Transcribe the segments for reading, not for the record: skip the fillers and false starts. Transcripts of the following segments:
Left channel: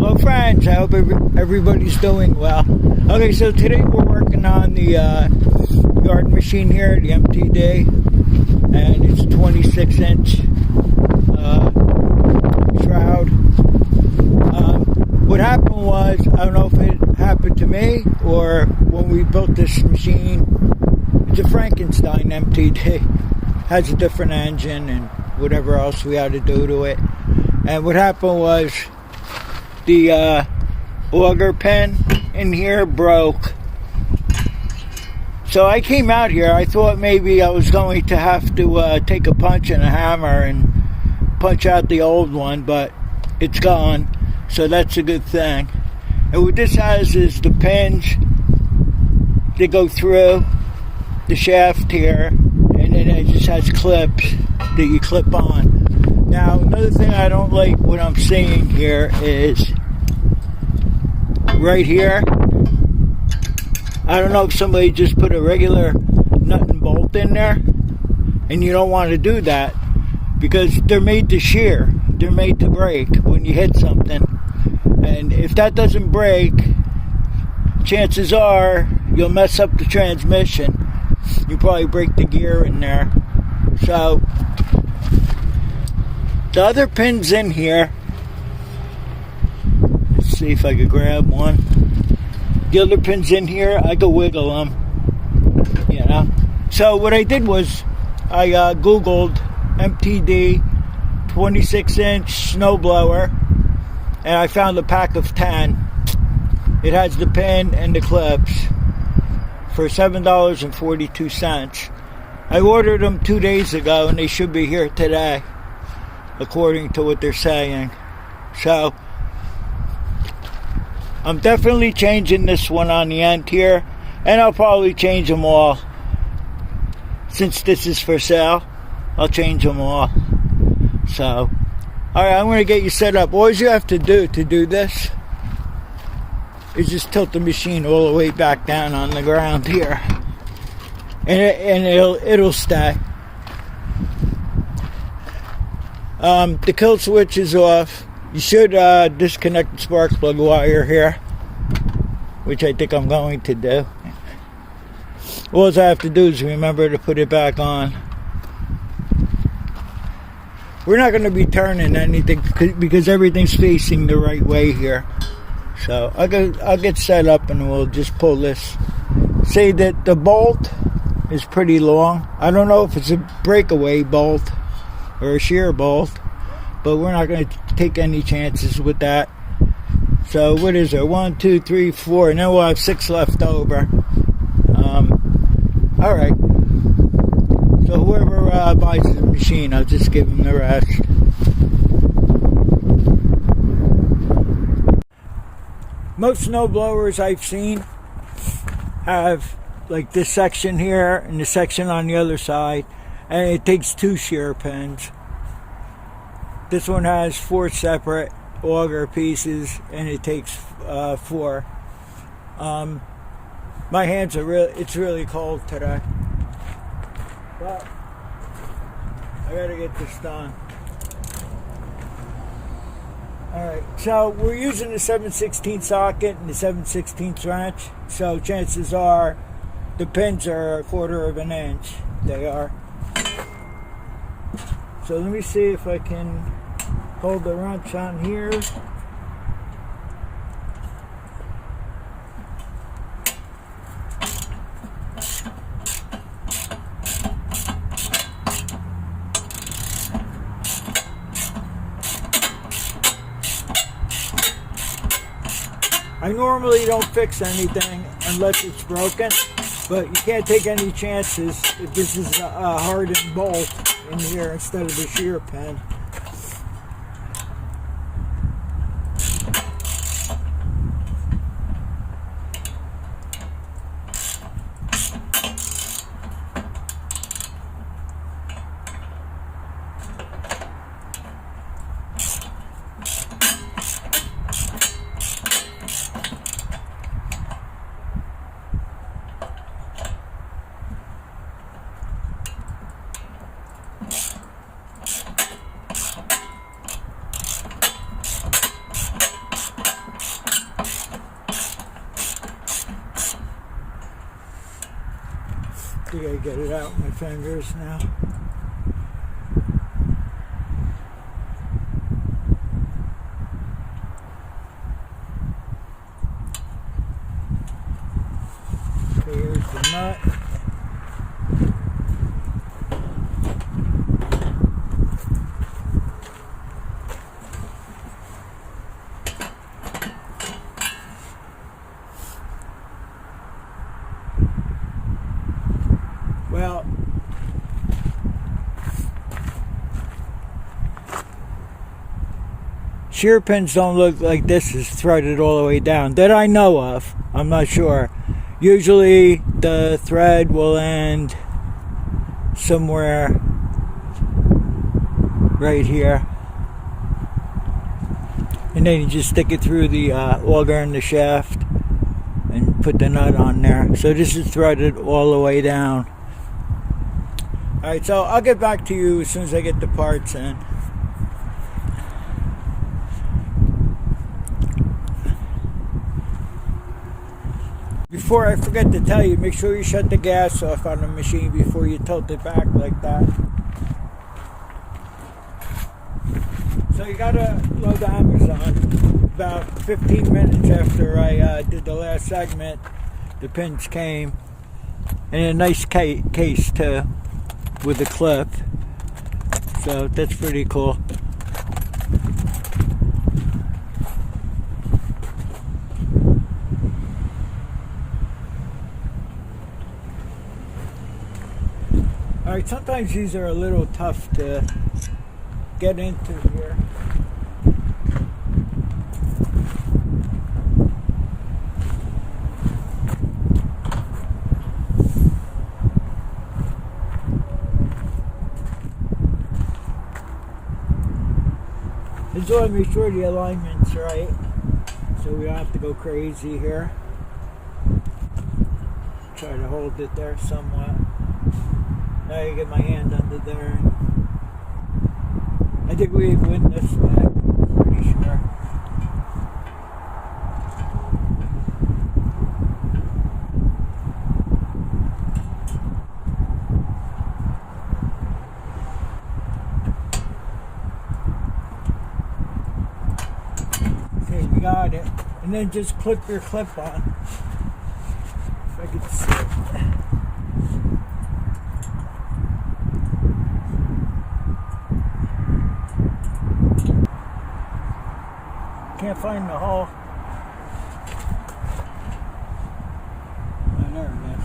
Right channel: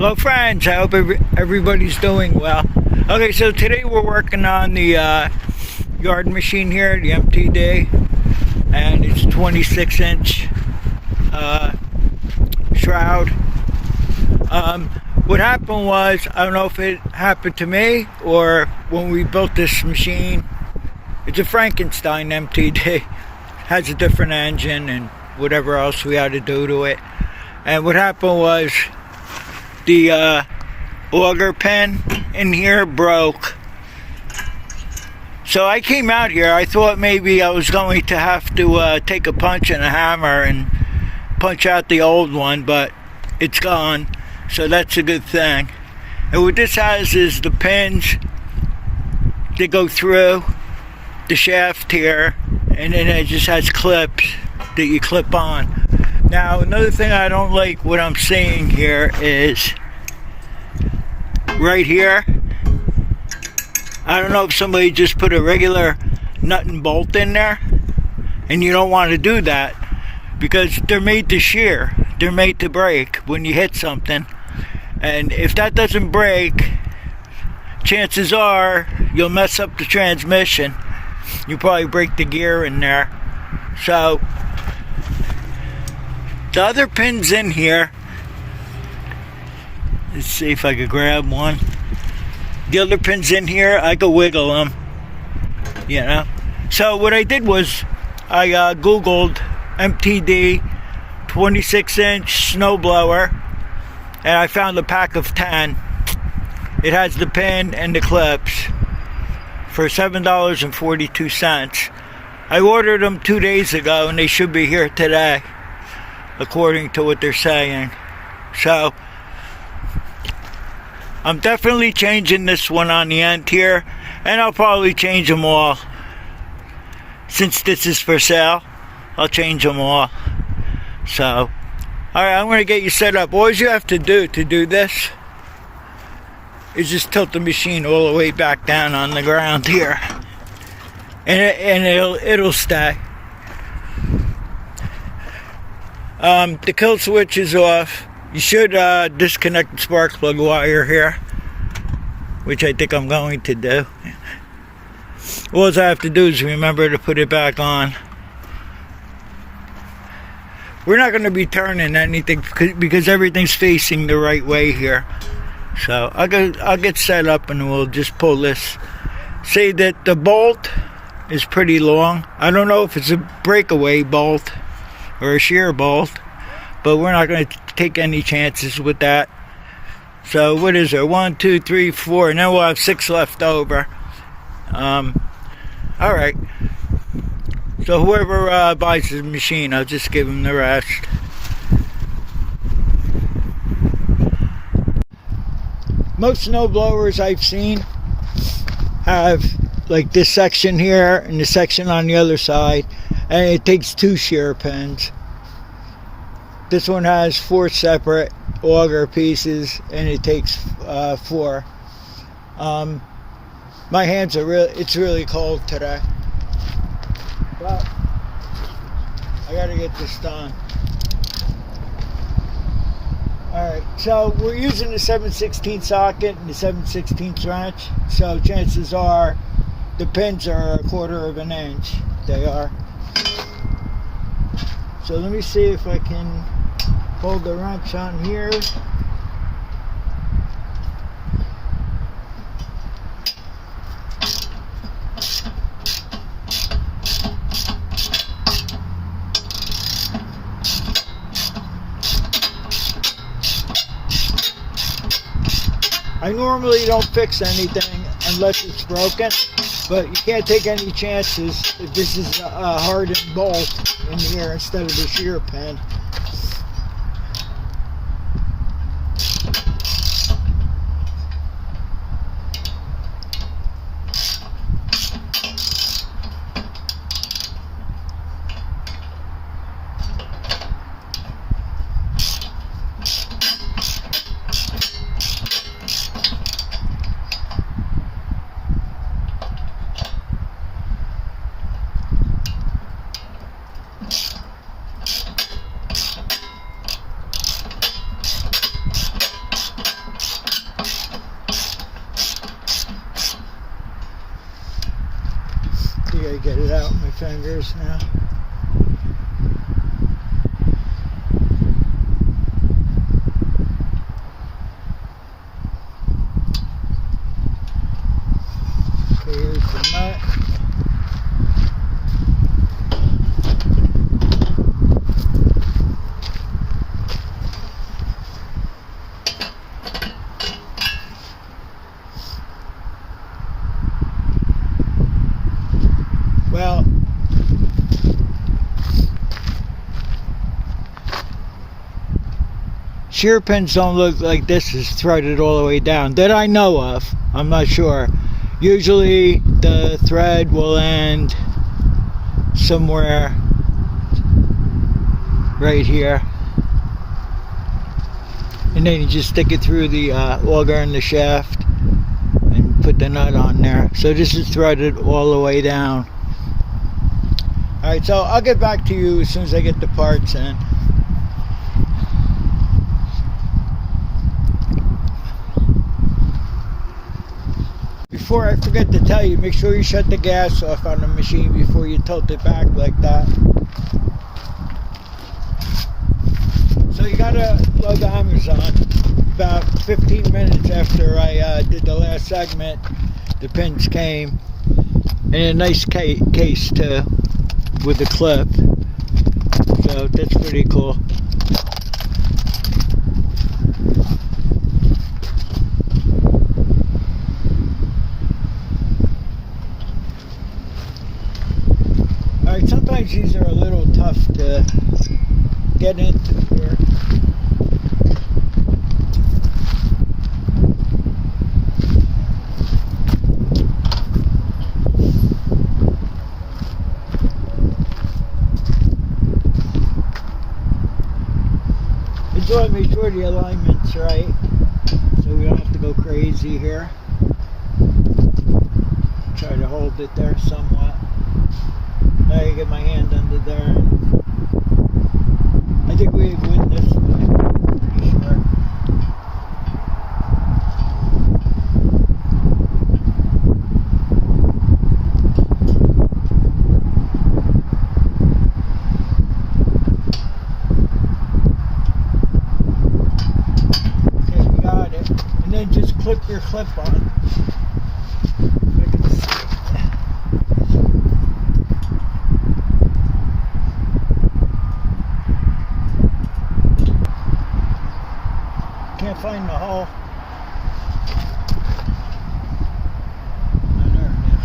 Hello friends, I hope everybody's doing well. Okay, so today we're working on the yard machine here, the MTD, and it's 26-inch shroud. What happened was, I don't know if it happened to me or when we built this machine, it's a Frankenstein MTD, has a different engine and whatever else we had to do to it. And what happened was, the auger pin in here broke. So I came out here, I thought maybe I was going to have to take a punch and a hammer and punch out the old one, but it's gone, so that's a good thing. And what this has is the pins that go through the shaft here, and then it just has clips that you clip on. Now, another thing I don't like what I'm seeing here is right here. I don't know if somebody just put a regular nut and bolt in there, and you don't want to do that because they're made to shear. They're made to break when you hit something. And if that doesn't break, chances are you'll mess up the transmission. You probably break the gear in there. So the other pins in here, let's see if I could grab one. The other pins in here, I could wiggle them, you know. So what I did was I Googled MTD 26-inch snowblower, and I found a pack of 10. It has the pin and the clips for $7.42. I ordered them 2 days ago, and they should be here today, according to what they're saying. So I'm definitely changing this one on the end here, and I'll probably change them all. Since this is for sale, I'll change them all. So, alright, I'm going to get you set up. All you have to do this is just tilt the machine all the way back down on the ground here, and it'll stay. The kill switch is off. You should disconnect the spark plug wire here, which I think I'm going to do. All I have to do is remember to put it back on. We're not going to be turning anything because everything's facing the right way here. So I'll get set up and we'll just pull this. Say that the bolt is pretty long. I don't know if it's a breakaway bolt or a shear bolt, but we're not going to take any chances with that. So what is there? 1, 2, 3, 4, and then we'll have 6 left over. All right. So whoever buys the machine, I'll just give them the rest. Most snow blowers I've seen have like this section here and the section on the other side, and it takes 2 shear pins. This one has 4 separate auger pieces, and it takes 4. My hands are it's really cold today, but I gotta get this done. Alright, so we're using the 7/16 socket and the 7/16 wrench, so chances are the pins are 1/4 of an inch. They are. So let me see if I can hold the wrench on here. I normally don't fix anything unless it's broken, but you can't take any chances if this is a hardened bolt in here instead of a shear pin. think I get it out with my fingers now. Okay, here's the nut. Well, shear pins don't look like this is threaded all the way down that I know of. I'm not sure. Usually the thread will end somewhere right here, and then you just stick it through the auger in the shaft and put the nut on there. So this is threaded all the way down. Alright, so I'll get back to you as soon as I get the parts in. Before I forget to tell you, make sure you shut the gas off on the machine before you tilt it back like that. So you gotta load Amazon. About 15 minutes after I did the last segment, the pins came. And a nice case too, with a clip. So that's pretty cool. Alright, sometimes these are a little tough to get into here. I just want to make sure the alignment's right, so we don't have to go crazy here. Try to hold it there somewhat. Now I get my hand under there. I think we win this way, pretty sure. Okay, we got it. And then just clip your clip on. If I can see. Can't find the hole. Oh, there it is.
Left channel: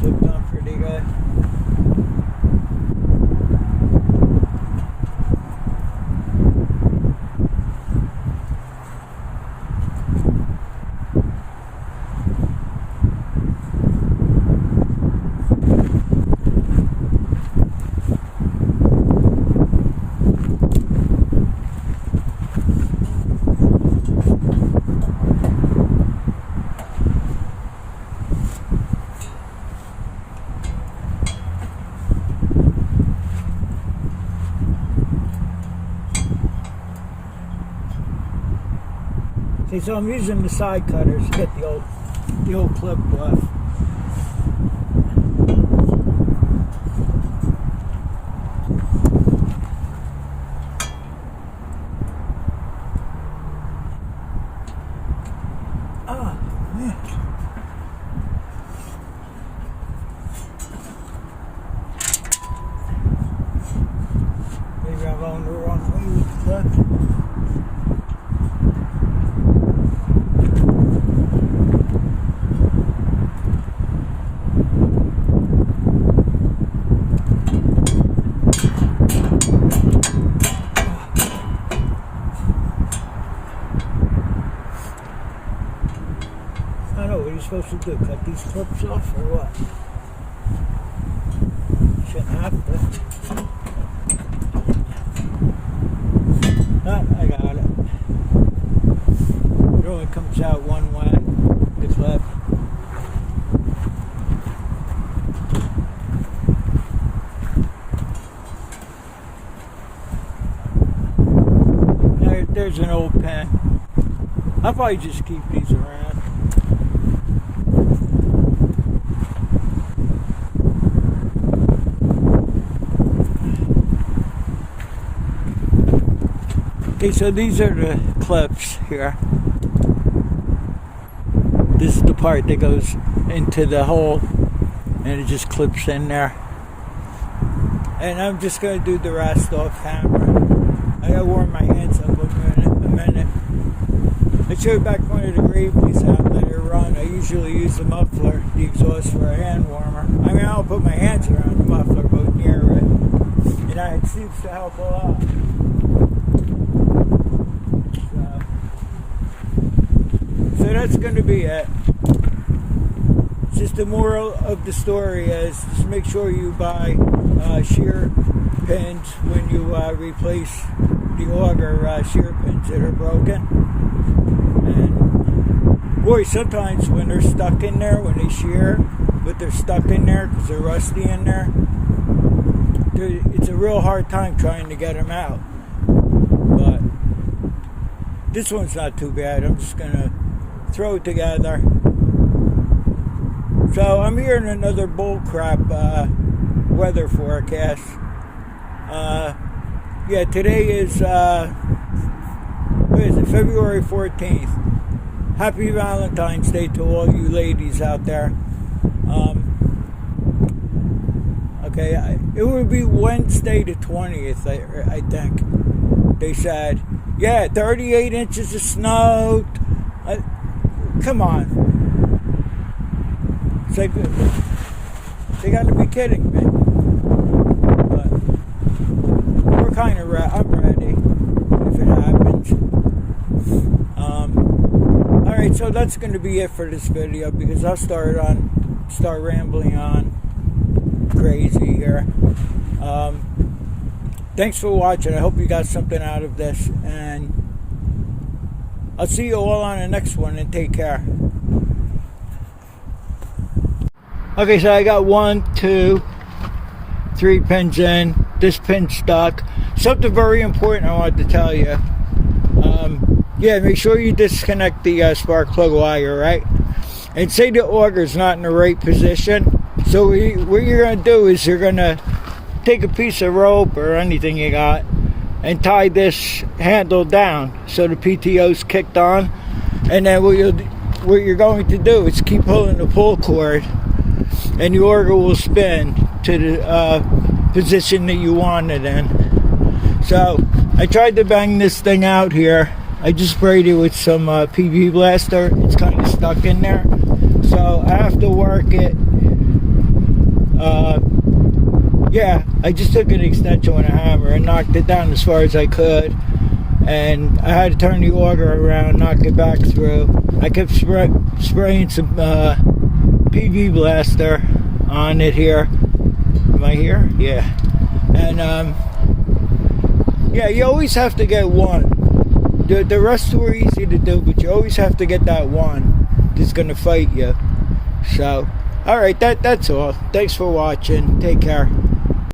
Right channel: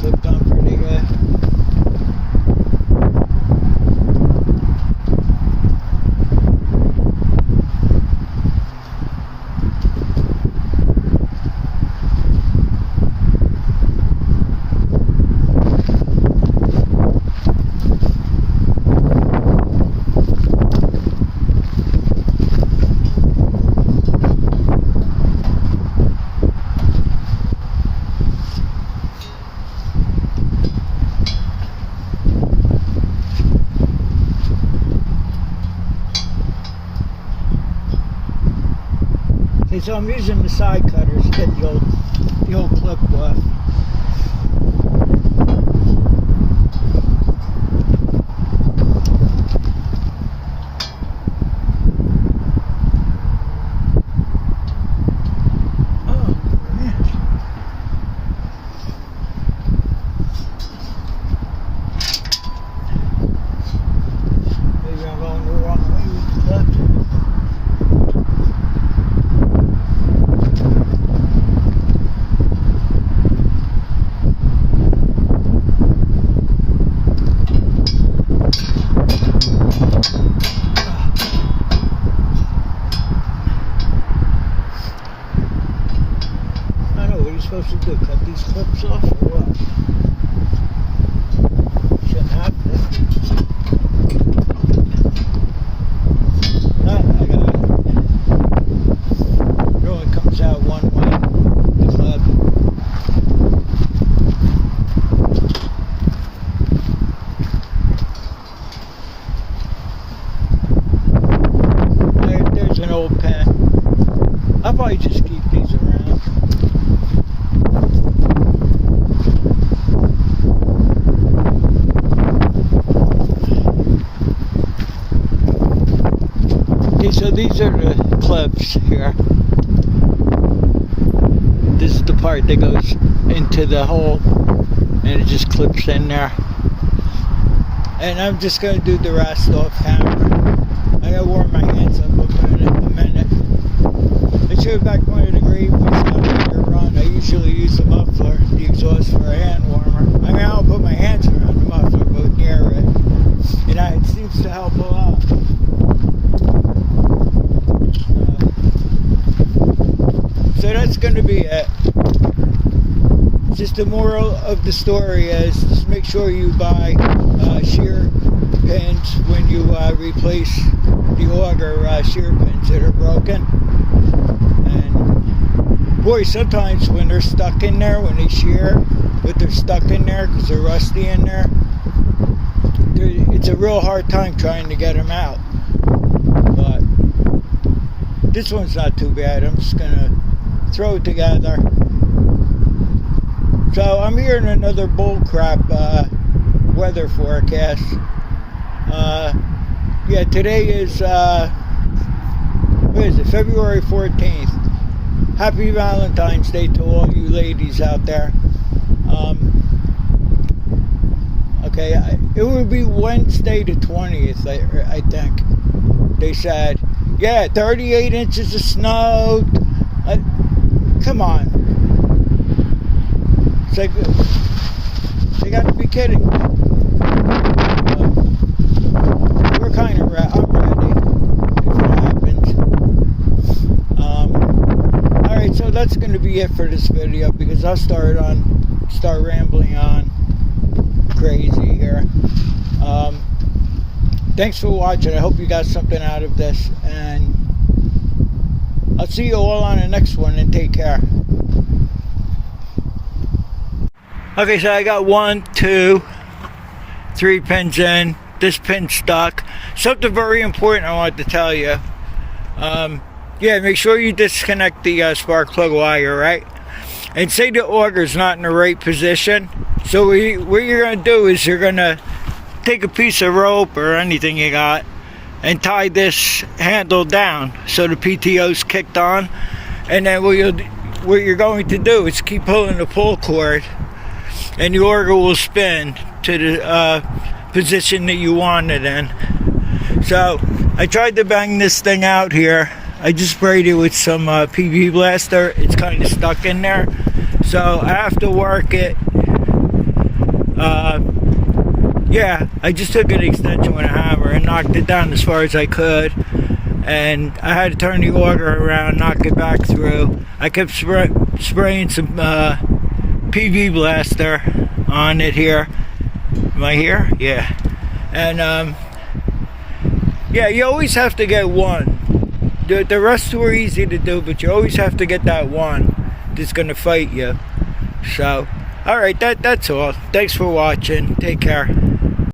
Clipped on pretty good. Okay, so I'm using the side cutters to get the old clip off. Oh, man. Maybe I'm going the wrong way with the clip. supposed to do? Cut these clips off or what? Shouldn't have to. Ah, I got it. It only comes out one way, the clip. There's an old pen. I'll probably just keep these around. Okay, so these are the clips here. This is the part that goes into the hole and it just clips in there. And I'm just going to do the rest off camera. I gotta warm my hands up a minute. I showed back one of the Graveways out there run. I usually use the muffler, the exhaust, for a hand warmer. I mean, I don't put my hands around the muffler, but near it. You know, it seems to help a lot. So that's going to be it. Just the moral of the story is just make sure you buy shear pins when you replace the Auger shear pins that are broken. And boy, sometimes when they're stuck in there, when they shear, but they're stuck in there because they're rusty in there, it's a real hard time trying to get them out. But this one's not too bad. I'm just gonna throw it together. So I'm hearing another bullcrap weather forecast. Yeah, today is what is it? February 14th. Happy Valentine's Day to all you ladies out there. Okay, it would be Wednesday the 20th, I think. They said, yeah, 38 inches of snow. Come on. It's like, they got to be kidding me. We're kind of I'm ready if it happens. Alright, so that's going to be it for this video because I'll start rambling on crazy here. Thanks for watching. I hope you got something out of this, and I'll see you all on the next one, and take care. Okay, so I got 1, 2, 3 pins in. This pin stuck. Something very important I wanted to tell you. Yeah, make sure you disconnect the spark plug wire, right? And say the auger's not in the right position. So what you're going to do is you're going to take a piece of rope or anything you got and tie this handle down so the PTO's kicked on. And then what you're going to do is keep pulling the pull cord, and the auger will spin to the position that you want it in. So I tried to bang this thing out here. I just sprayed it with some PV blaster. It's kind of stuck in there, so I have to work it. Yeah, I just took an extension with a hammer and knocked it down as far as I could, and I had to turn the auger around, knock it back through. I kept spraying some PV blaster on it here. Am I here? Yeah. And yeah, you always have to get one. The rest were easy to do, but you always have to get that one that's gonna fight you. So alright, that's all. Thanks for watching. Take care.